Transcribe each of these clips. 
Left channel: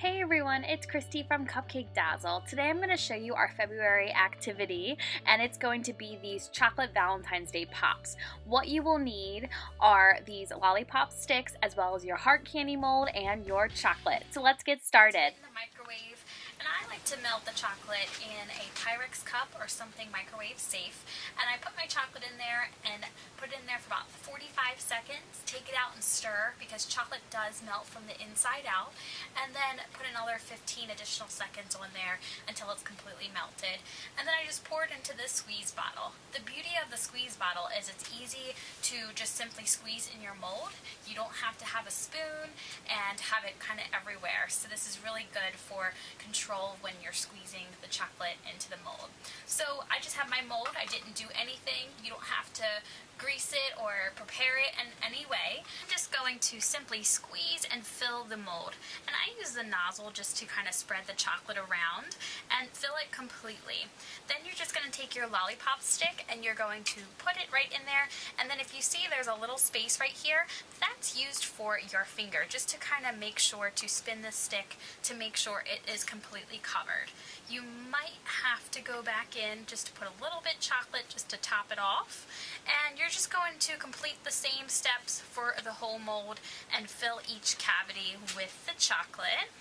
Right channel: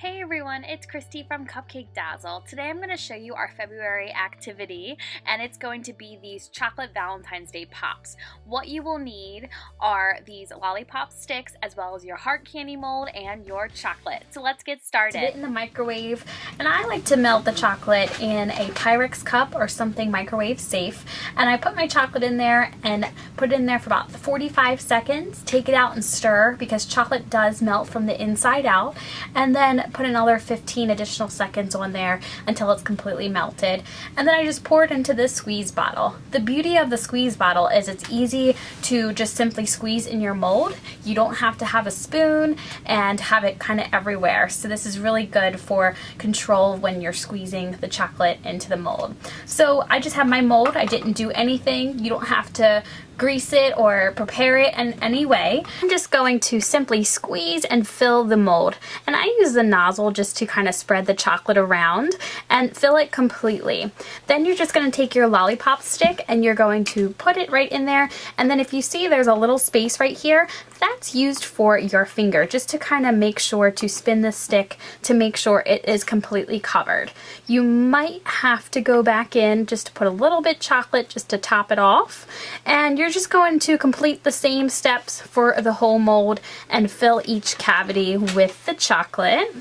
Hey everyone, it's Christy from Cupcake Dazzle. Today I'm going to show you our February activity, and it's going to be these chocolate Valentine's Day pops. What you will need are these lollipop sticks as well as your heart candy mold and your chocolate. So let's get started. Put it in the microwave, and I like to melt the chocolate in a Pyrex cup or something microwave safe. And I put my chocolate in there and put it in there for about 45 seconds. Take it out and stir because chocolate does melt from the inside out, and then put another 15 additional seconds on there until it's completely melted. And then I just pour it into this squeeze bottle. The beauty of the squeeze bottle is it's easy to just simply squeeze in your mold. You don't have to have a spoon and have it kind of everywhere. So this is really good for control when you're squeezing the chocolate into the mold. So I just have my mold. I didn't do anything. You don't have to grease it or prepare it in any way. I'm just going to simply squeeze and fill the mold. And I use the nozzle just to kind of spread the chocolate around and fill it completely. Then you're just going to take your lollipop stick and you're going to put it right in there. And then if you see there's a little space right here, that's used for your finger, just to kind of make sure to spin the stick to make sure it is completely covered. You might have to go back in just to put a little bit chocolate just to top it off. And you're just going to complete the same steps for the whole mold and fill each cavity with the chocolate.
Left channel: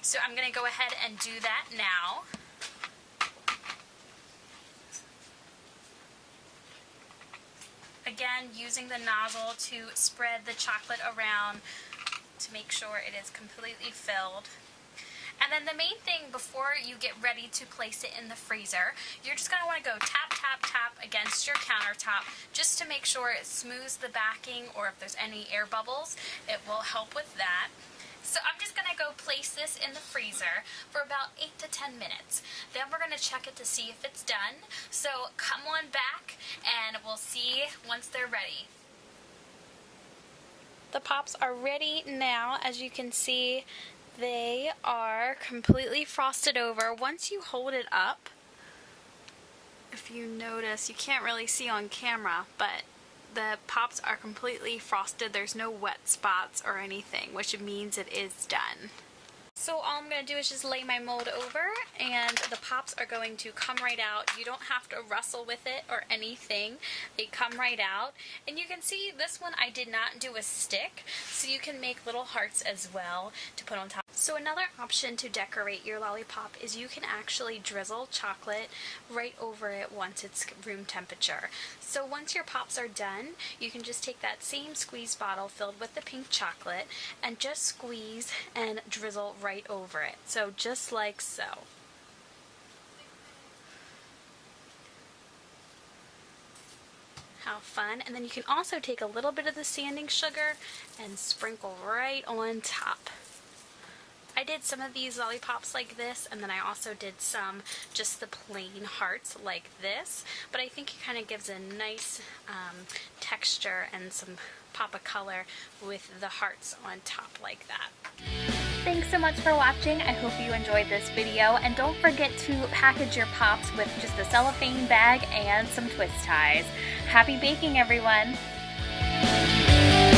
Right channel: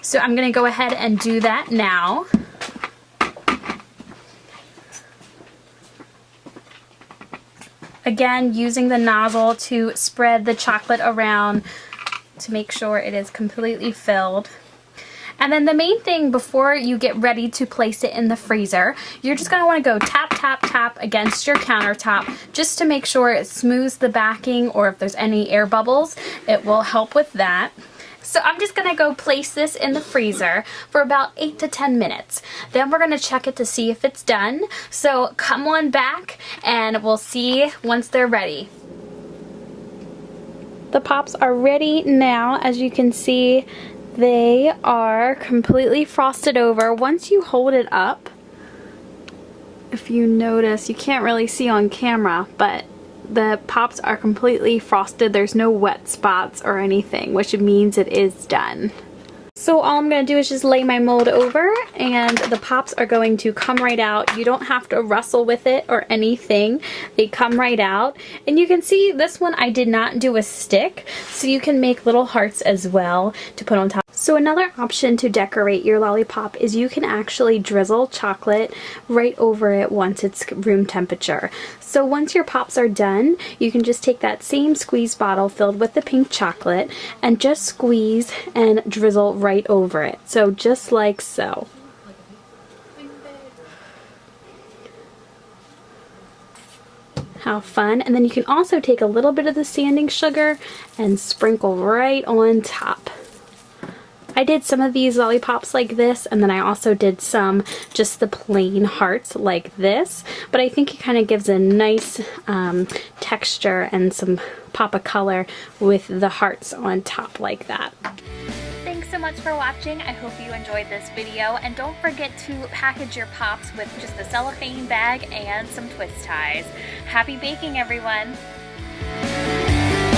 So I'm going to go ahead and do that now. Again, using the nozzle to spread the chocolate around to make sure it is completely filled. And then the main thing before you get ready to place it in the freezer, you're just going to want to go tap, tap, tap against your countertop just to make sure it smooths the backing, or if there's any air bubbles, it will help with that. So I'm just going to go place this in the freezer for about 8 to 10 minutes. Then we're going to check it to see if it's done. So come on back and we'll see once they're ready. The pops are ready now. As you can see, they are completely frosted over. Once you hold it up, if you notice, you can't really see on camera, but the pops are completely frosted. There's no wet spots or anything, which means it is done. So all I'm going to do is just lay my mold over, and the pops are going to come right out. You don't have to wrestle with it or anything. They come right out. And you can see this one I did not do a stick, so you can make little hearts as well to put on top. So another option to decorate your lollipop is you can actually drizzle chocolate right over it once it's room temperature. So once your pops are done, you can just take that same squeeze bottle filled with the pink chocolate and just squeeze and drizzle right over it. So just like so. How fun. And then you can also take a little bit of the sanding sugar and sprinkle right on top. I did some of these lollipops like this, and then I also did some just the plain hearts like this, but I think it kind of gives a nice texture and some pop of color with the hearts on top like that. Thanks so much for watching. I hope you enjoyed this video, and don't forget to package your pops with just a cellophane bag and some twist ties. Happy baking, everyone!